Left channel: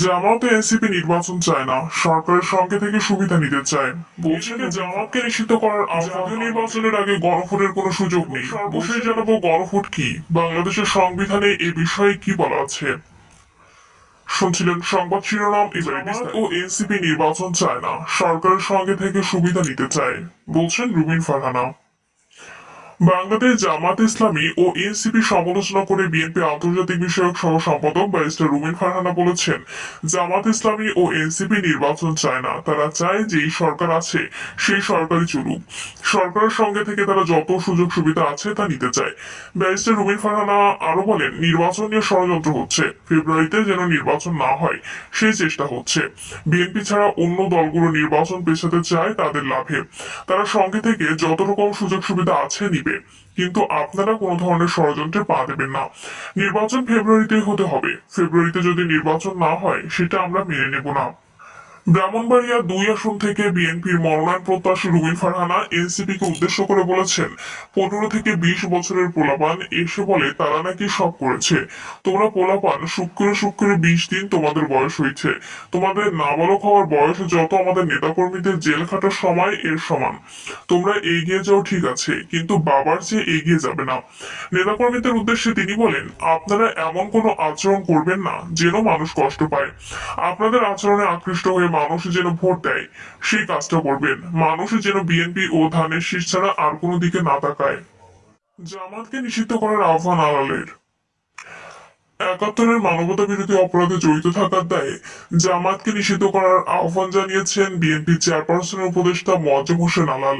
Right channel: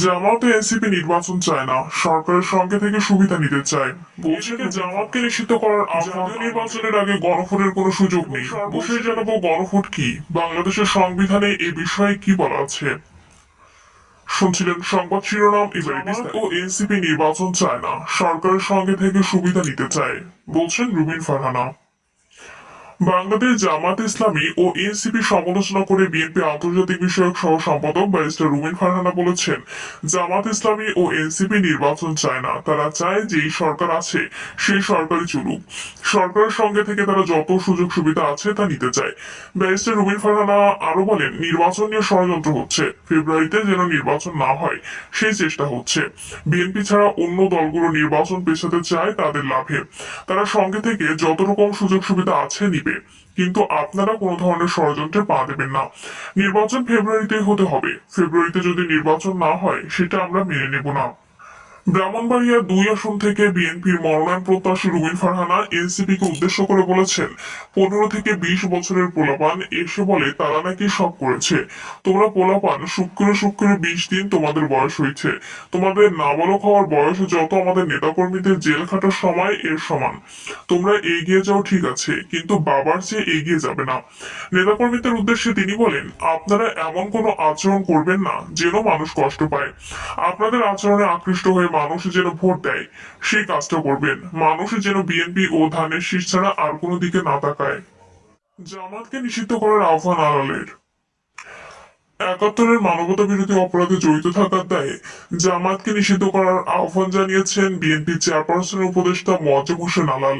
জামাত ও NCP নির্বাচন চায় না, সরকারের সঙ্গে থেকে সুবিধা নিতে চায়। বলছে যে জামাতকে নিষিদ্ধ করার জাতীয় নির্বাচনের আগে গণভোটের কোনো সুযোগ নেই। সর্বশেষ জানাবো গণভোট কি, বাংলাদেশের সংবিধানে এ বিষয়ে কি বলা আছে। শুনছিলেন সংবাদ শিরোনাম, এবারে জামাত ও এনসিপি নির্বাচন চায় না, সরকারের সঙ্গে থেকে সুবিধা নিতে চায়, বলছেন রুমিন ফারহানা। বাংলাদেশ জামাত ইসলামী ও এনসিপি সমালোচনা করে বিএনপি আন্তর্জাতিক বিষয়ক সহ সম্পাদক ব্যারিস্টার রুমিন ফারহানা বলেছেন, জামাত ইসলামী ও এনসিপি নির্বাচন চায় না, তারা চায় যেই সরকার আছে সেই সরকারই চলুক। সরকারের সঙ্গে থেকে তারা যত সুযোগ সুবিধা আছে তা নিতে চায়। ব্যারিস্টার রুমিন ফারহানা আরো বলেন, নির্বাচন নিয়ে ষড়যন্ত্র হচ্ছে, ফেব্রুয়ারিতে যেন নির্বাচন না হয় সেই চেষ্টা হচ্ছে। বিএনপি ছাড়া অন্য দলগুলো নির্বাচন পেছাতে চায় তাদের লাভে। তারা সঙ্গে থেকে যত রকম সুযোগ সুবিধা আছে নিবে, কিন্তু আপনারা কোনো ধরনের ষড়যন্ত্রে পা দেবেন না। নির্বাচন ফেব্রুয়ারিতে হতে হবে, ফেব্রুয়ারিতে যদি নির্বাচন না হয় সেটা আমরা মেনে নেব না। ব্রাহ্মণবাড়িয়া 2 আসন থেকে বিএনপির মনোনয়ন প্রত্যাশী রুমিন ফারহানা এনসিপি কে উদ্দেশ্য করে বলেছেন, 15 থেকে 20 বছরের পোলাপান এসে বলে তারা নাকি সব করেছে। তোমরা পোলাপান শুক্রে শুক্রে 20 দিন তোমাদের বয়স হয়েছে, তোমাদের নাবালক হওয়ার বয়স যত আমাদের নেতাকর্মীদের জেল খাটার সময় এর সমান। তোমরা এগিয়ে যাও ঠিক আছে, কিন্তু বাবার চেয়ে এগিয়ে যাবে না। নেতাকর্মীদের উদ্দেশ্যে তিনি বলেন, আপনারা এমন কোনো আচরণ করবেন না যেন মানুষ কষ্ট পায়। আপনাদের আচরণে আকৃষ্ট হয়ে মানুষ যেন ভোট দেয় সেই কাজটা করবেন। মানুষ যেন বিএনপি ও ধানের শীষ ছাড়া আর কোনো দিকে না তাকায়। জামাতকে নিষিদ্ধ করার আহ্বান আলালের। 71-এর মানবতা বিরোধী অপরাধে জড়িত থাকার দায়ে জামাতকে নিষিদ্ধ করার আহ্বান জানিয়েছেন বিএনপি চেয়ারপারসনের উপদেষ্টা মোয়াজ্জেম হোসেন আলাল।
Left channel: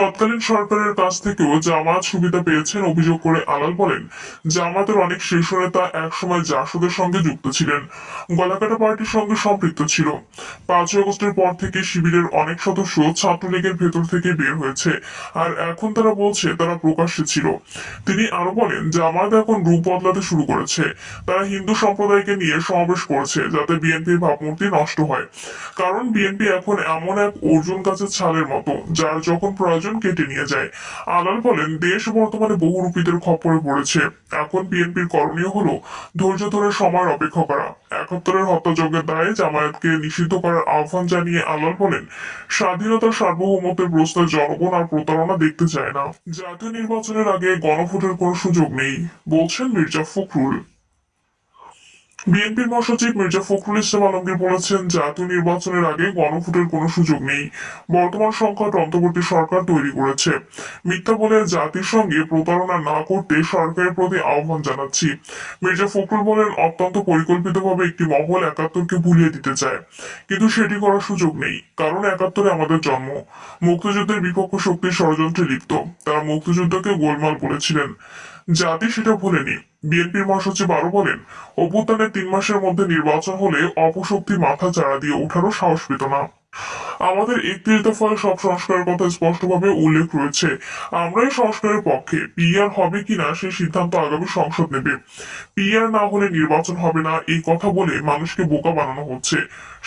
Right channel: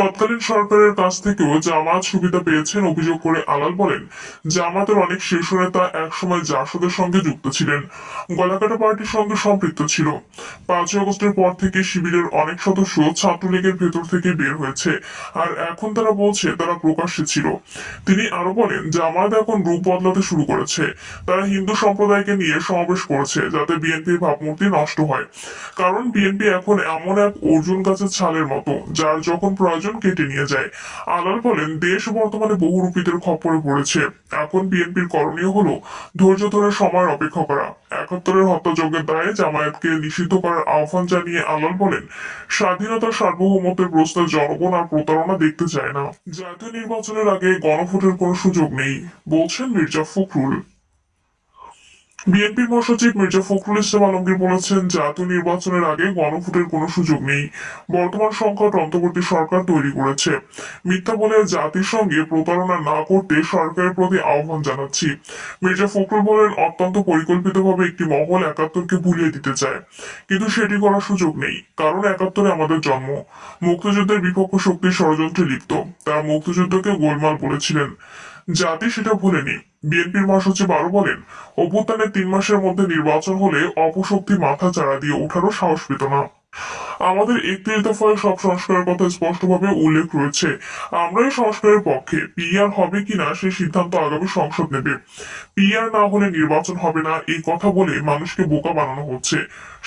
তৎকালীন সরকারের কাছ থেকেও জামায়াত সুবিধা পেয়েছেন অভিযোগ করে আলাল বলেন, জামায়াতের অনেক শীর্ষ নেতা একসময় জাসদের সঙ্গে যুক্ত ছিলেন, গলাকাটা পার্টির সঙ্গে সম্পৃক্ত ছিল। 5ই আগস্টের পর থেকে শিবিরের অনেক সদস্য ছাত্রলীগের ভেতর থেকে বের হয়েছে, আর এখন তারা বলছে তারা প্রকাশ্যে ছিল। তিনি আরো বলেন, জামায়াত এখন রূপ বদলাতে শুরু করেছে। তারা হিন্দু সম্প্রদায়কে নিয়ে সমাবেশ করেছে যাতে বিএনপির ভাবমূর্তি নষ্ট হয়। কারণ বিএনপি এখন এমন এক অর্জুন গাছের ছালের মতো, যার যখন প্রয়োজন কেটে নিয়ে যায়। আলাল বলেন, দেশ বর্তমানে বহুরূপীদের খপ্পরে পড়েছে। এখন বিএনপির করণীয় হলো ধৈর্য ধরে সময়ের অপেক্ষা করা। 71-এর হত্যাযজ্ঞের দায়ে জামায়াতকে নিষিদ্ধ করার আহ্বান জানিয়ে আলাল বলেন, স্বাধীনতা সার্বভৌমত্বের প্রশ্নে জনগণ আর প্রতারণা দেখতে চায় না। জাতীয় নির্বাচনের আগে গণভোটের কোনো সুযোগ নেই, বলছেন মির্জা ফখরুল। বিএনপির মহাসচিব মির্জা ফখরুল ইসলাম আলমগীর বলেছেন, জাতীয় নির্বাচনের আগে গণভোটের কোনো সুযোগ নেই। বর্তমান সংকট অন্তর্বর্তী সরকার তৈরি করেছে। মিথ্যা বলে জাতির সঙ্গে প্রতারণা না করতে সরকারের প্রতি আহ্বান জানাচ্ছি। মির্জা ফখরুল বলেন, অত্যন্ত পরিকল্পিতভাবে একটি মহল 71-কে ভুলিয়ে দিতে চায়, কিন্তু সেটি করার সুযোগ নেই, কারণ 71-এ আমাদের জন্ম। মুক্তিযুদ্ধের বিপক্ষ শক্তির ষড়যন্ত্রে লিপ্ত, তারা মুক্তিযুদ্ধকে গোলমাল বলেছিলেন, জাতি সেটা ভুলেনি। বিএনপির মহাসচিব আরো বলেন, অভ্যুত্থানের 3 মাসের মধ্যে নির্বাচন হলে অপশক্তি মাথা চাড়া দিয়ে ওঠারও সাহস পেত না। আমাদের 31 দফায় সব সংস্কারের কথা স্পষ্টভাবে উল্লেখ রয়েছে। আমরা এই সংস্কারের পক্ষে। পিআর হবে কিনা সেই সিদ্ধান্ত আগামী সংসদ নেবে। পিআর না হলে নির্বাচন হবে না এই কথা বলে মানুষকে বোকা বানানো হচ্ছে।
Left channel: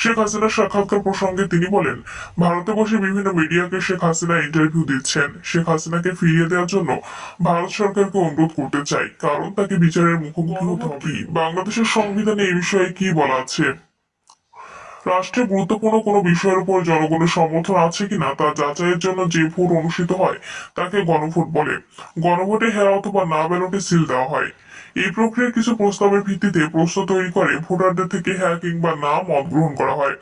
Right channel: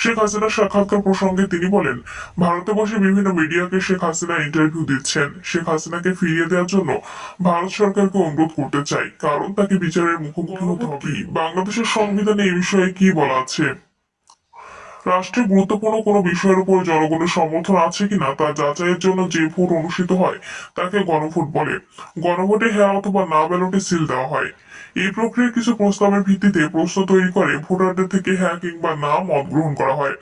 শেখ হাসিনার সাক্ষাৎকার প্রসঙ্গে তিনি বলেন, ভারতে বসে বিভিন্ন মিডিয়াকে শেখ হাসিনা ইন্টারভিউ দিচ্ছেন। শেখ হাসিনাকে ফিরিয়ে দেওয়ার জন্য ভারত সরকারকে অনুরোধ করতে চাই, কারণ তাকে বিচারের মুখোমুখি হতে হবে। বাংলাদেশের সংবিধানে এই বিষয়ে কি বলা আছে? রাষ্ট্রে গুরুত্বপূর্ণ কোনো বিষয়ের উপর জনগণের সমর্থন আছে কিনা তা যাচাইয়ের জন্য যে ভোট অনুষ্ঠিত হয় তাকে গণভোট বলে। গণভোটে হ্যাঁ অথবা না ব্যালটে সিল দেওয়া হয়। এই প্রক্রিয়ার কিছু প্রস্তাবের ভিত্তিতে প্রশ্ন তৈরি করে ভোটারদের থেকে হ্যাঁ কিংবা না মত গ্রহণ করা হয়।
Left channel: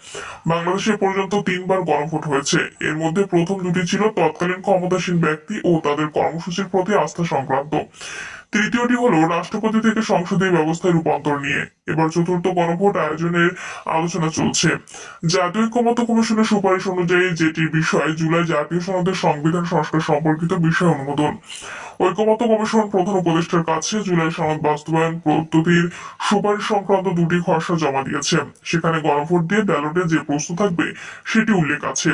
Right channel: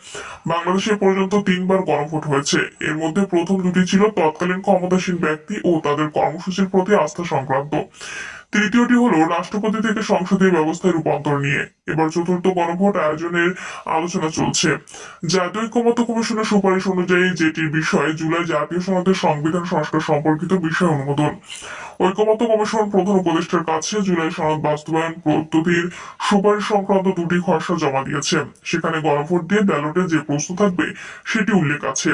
বাংলাদেশে পর্যন্ত 3বার গণভোট হয়েছে। এর মধ্যে প্রথম দুটি ছিল তৎকালীন ক্ষমতাসীন ব্যক্তি ও তাদের কর্মসূচির প্রতি আস্থা সংক্রান্ত। তৃতীয়টি হলো রাষ্ট্রপতি থেকে সংসদীয় ব্যবস্থায় রূপান্তর নিয়ে। এবার চতুর্থ গণভোট আয়োজনের আলোচনা চলছে। জাতীয় ঐক্যমত্য কমিশনের সুপারিশ অনুযায়ী যেটির বিষয় জুলাই জাতীয় সনদের সংবিধান সংস্কার সম্পর্কিত বিষয় অনুমোদন। ঐকমত্য কমিশন প্রধান উপদেষ্টার কাছে জুলাই সনদ বাস্তবায়ন পদ্ধতির সুপারিশ সংক্রান্ত দুটি খসড়া জমা দিয়েছে। সেখানে গণভোট দিয়ে ব্যালটে যে প্রশ্ন থাকবে সেটি উল্লেখ আছে।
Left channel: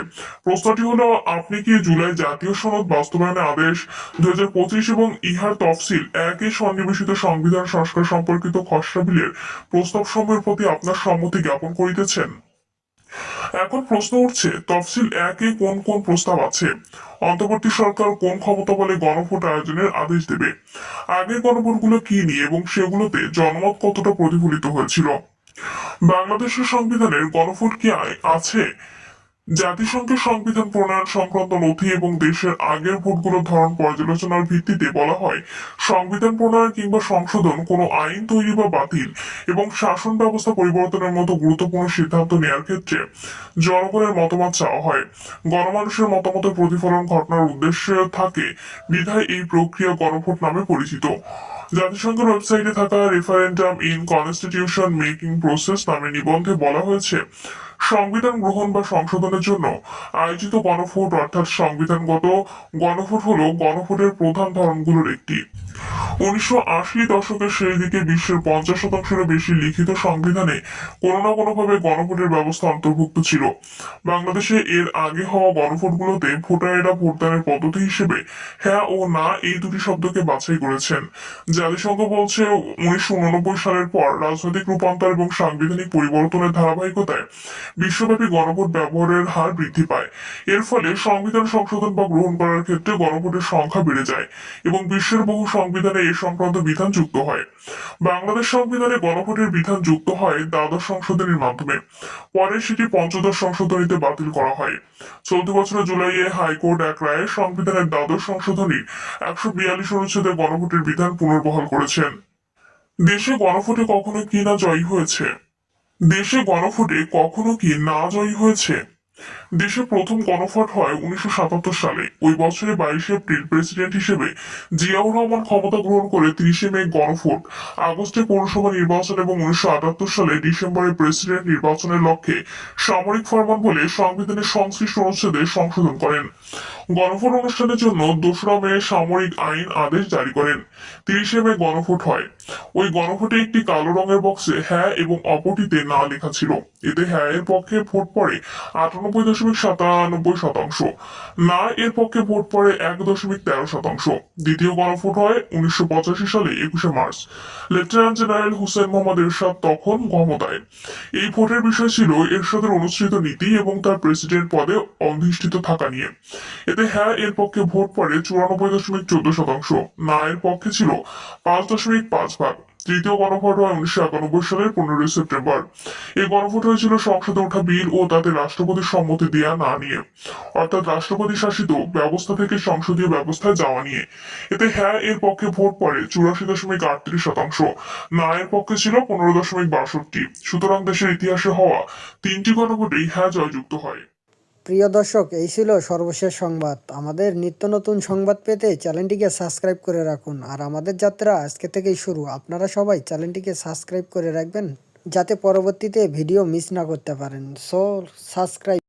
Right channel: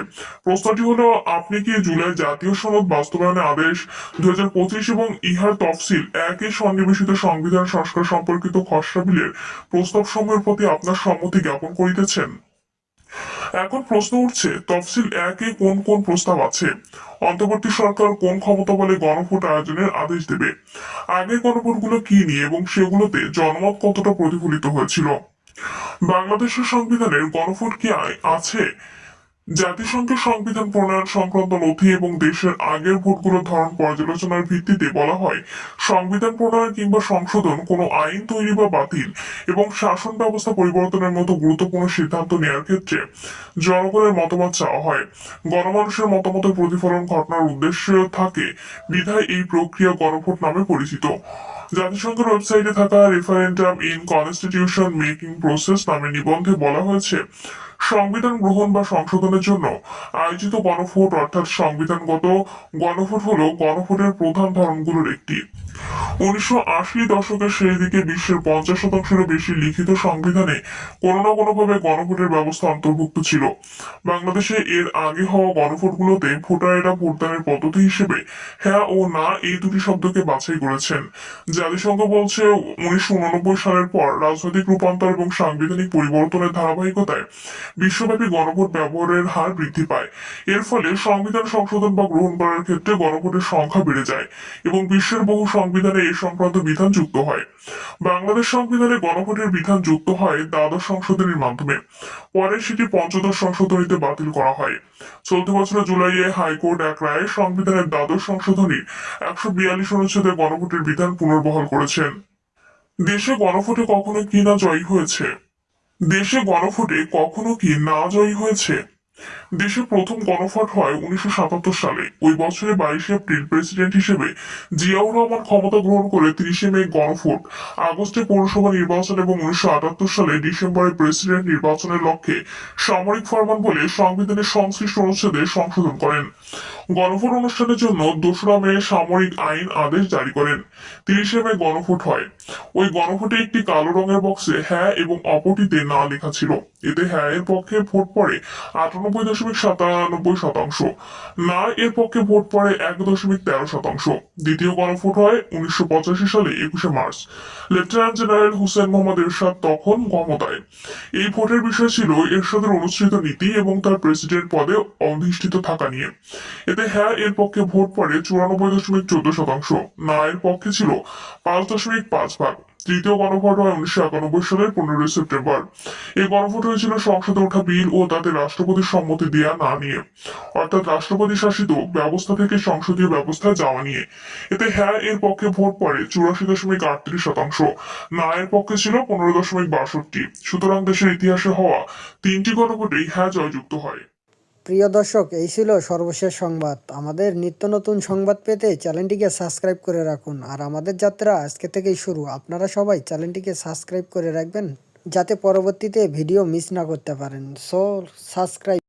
প্রশ্নটি হলো, আপনি কি জুলাই জাতীয় সনদ বাস্তবায়নের আদেশ 2025 এবং ইহার তফসিল একই সন্নিবেশিত সংবিধান সংস্কার সম্পর্কিত খসড়া বিলের প্রস্তাব সমূহের প্রতি আপনার সম্মতি জ্ঞাপন করিতেছেন? এখন প্রশ্ন উঠছে, তফসিল একে কোন কোন প্রস্তাব আছে? অন্তর্বর্তী সরকার কোন ক্ষমতা বলে গণভোট আয়োজনের আদেশ দেবে? আগের গণভোটগুলো কি নিয়ে এবং সেগুলোতে জনমত কতটা প্রতিফলিত হয়েছিল? বাংলাদেশের সংবিধানের গণভোট কি আছে? জাতিসংঘের সংবিধান প্রণয়ন সংক্রান্ত নথি এবং দেশের আগের ভোটগুলোর ধরন পর্যালোচনার ভিত্তিতে বলা হয়, সংবিধান প্রণয়ন কিংবা সংশোধন কোনো আইন তৈরি বা বাতিল এবং শাসন ব্যবস্থা পরিবর্তনের মতো গুরুত্বপূর্ণ সিদ্ধান্ত নেওয়ার ক্ষেত্রে জনগণের মতামত চাওয়া হয়। গণমানুষের মতামতের প্রতিফলন ঘটনার উদ্দেশ্য থাকে, বিধায় এই প্রক্রিয়া গণভোট নামে পরিচিত। জাতিসংঘের ওয়েবসাইটে থাকা referendum in constitution making process নামে নিবন্ধে বলা হয়েছে, সংবিধান গ্রহণ বা সংশোধনের জন্য আয়োজিত গণভোট অর্থাৎ সংবিধানগত গণভোট হলো গণভোটের প্রধান ধরনগুলোর একটি। 1980 দশকের শেষ দিকে বিশ্বের 50%-এরও বেশি লিখিত সংবিধানে কোনো না কোনোভাবে গণভোটের ব্যবস্থা অন্তর্ভুক্ত ছিল। বাংলাদেশে এর আগে হওয়া গণভোটগুলোতে ভোটারেরা ভোটদানের পদ্ধতি হিসেবে হ্যাঁ ও না এই দুটি শব্দকে বাছাই করেছেন। জাতিসংঘ বলছে, 1989 সালের পর রাজনৈতিক রূপান্তর এবং সাংবিধানিক পরিবর্তনের ধারাবাহিকতায় বিশ্বব্যাপী গণভোট ব্যবহারের হার বৃদ্ধি পায়। এর ফলে সংবিধান সংশোধন বা গ্রহণ করার ক্ষেত্রে গণভোটের সংখ্যা বেড়ে যায় এবং বিশ্বের বহু সংবিধানে এ সংক্রান্ত বিধান যুক্ত হয়। বাংলাদেশ সংবিধানে গণভোটের বিধান যুক্ত হয় দ্বাদশ সংশোধনীর মাধ্যমে। পরে সেটি পঞ্চদশ সংশোধনীতে বাতিল করা হয়। চলতি বছরের জুলাইয়ে হাইকোর্ট এক রায়ে সংবিধানের দ্বাদশ সংশোধনীর 142 অনুচ্ছেদে গণভোটের বিধান পুনর্বহাল করেছেন। দেশে গণভোটে কখনো কি না জয়ী হয়েছে? দেশে গণভোটে কখনো কি না জয়ী হয়েছে? দেশে প্রথম গণভোট হয় 1977 সালে। ওই বছরে 22 এপ্রিল প্রেসিডেন্ট হিসেবে জিয়াউর রহমান ক্ষমতা গ্রহণ করে 30 মে গণভোট, আগস্টে পৌরসভা নির্বাচন এবং 1978 সালে ডিসেম্বরে প্রেসিডেন্ট নির্বাচনের লক্ষ্যে সামরিক ফরমান বলে সংবিধানের সংশ্লিষ্ট অনুচ্ছেদে সংশোধন করেন। গণভোট অনুষ্ঠানের জন্য 2রা মে সামরিক আইন আদেশ জারি করেন। 30 মে গণভোট হয়। ওই গণভোটে একটি কালো রঙের বক্সে হ্যাঁ এবং অপরটিতে না লেখা ছিল। এতে হ্যাঁ এর পক্ষে ভোট পড়ে 98.97%, না এর পক্ষে ভোট পড়ে 1.13%। দ্বিতীয় গণভোট হয় 1985 সালে 21 March. Lieutenant general Hussain Muhammad Ershad তখন ক্ষমতায়। এই ভোটের বিষয় ছিল এরশাদের অনুসৃত নীতি এবং তার প্রেসিডেন্ট পদে অধিষ্ঠিত থাকা নিয়ে। এতে হ্যাঁ এর পক্ষে ভোট পড়ে 94.14%, না এর পক্ষে ছিল 5.5%। তৃতীয় গণভোট হয় 1991 সালের 15 সেপ্টেম্বর। এই গণভোট হয়েছিল সংসদে ওঠা বিল ও তাতে রাষ্ট্রপতির সম্মতি দেয়া না নিয়ে, অর্থাৎ রাষ্ট্রপতি শাসিত ব্যবস্থা থেকে সংসদীয় ব্যবস্থায় যাওয়া নিয়ে। এতে হ্যাঁ এর পক্ষে ভোট পড়ে 84.38%, না এর পক্ষে ছিল 15.62%। সুতরাং দেশের ইতিহাসে হওয়া 3টি গণভোটেই হ্যাঁ জয়যুক্ত হয়। প্রিয় দর্শক, এই ছিল সর্বশেষ সংবাদ। আমাদের নিত্য নতুন সংবাদ পেতে চ্যানেলটিকে সাবস্ক্রাইব করে রাখুন। আর আমাদের যাত্রা আজকে থেকেই শুরু। আপনারা সবাই চ্যানেলটিকে সাবস্ক্রাইব করে রাখবেন যাতে পরবর্তীতে ভিডিও মিস না করতে পারেন। So subscribe.